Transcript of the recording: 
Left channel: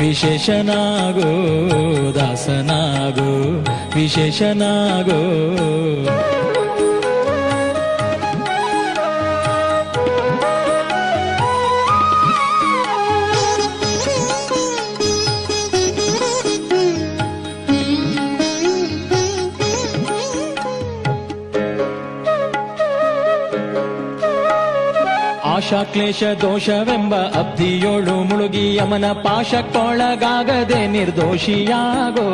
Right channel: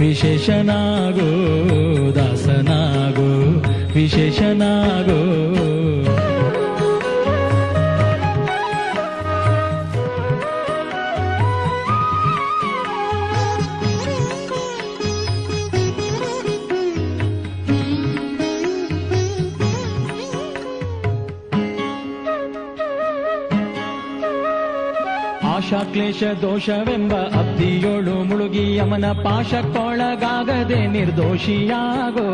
విశేషనాగో దాసనాగో విశేషనాగో ಆಶಾ ಆಶಾಕ್ಲೇಶ ದೋಷವೆಂಬ ಅಬ್ಧಿಯೋಳು ಮುಳುಗಿ ಯಮನ ಪಾಶಕ್ಕೊಳಗಾಗದೆ ನಿರ್ದೋಷಿಯಾಗೋ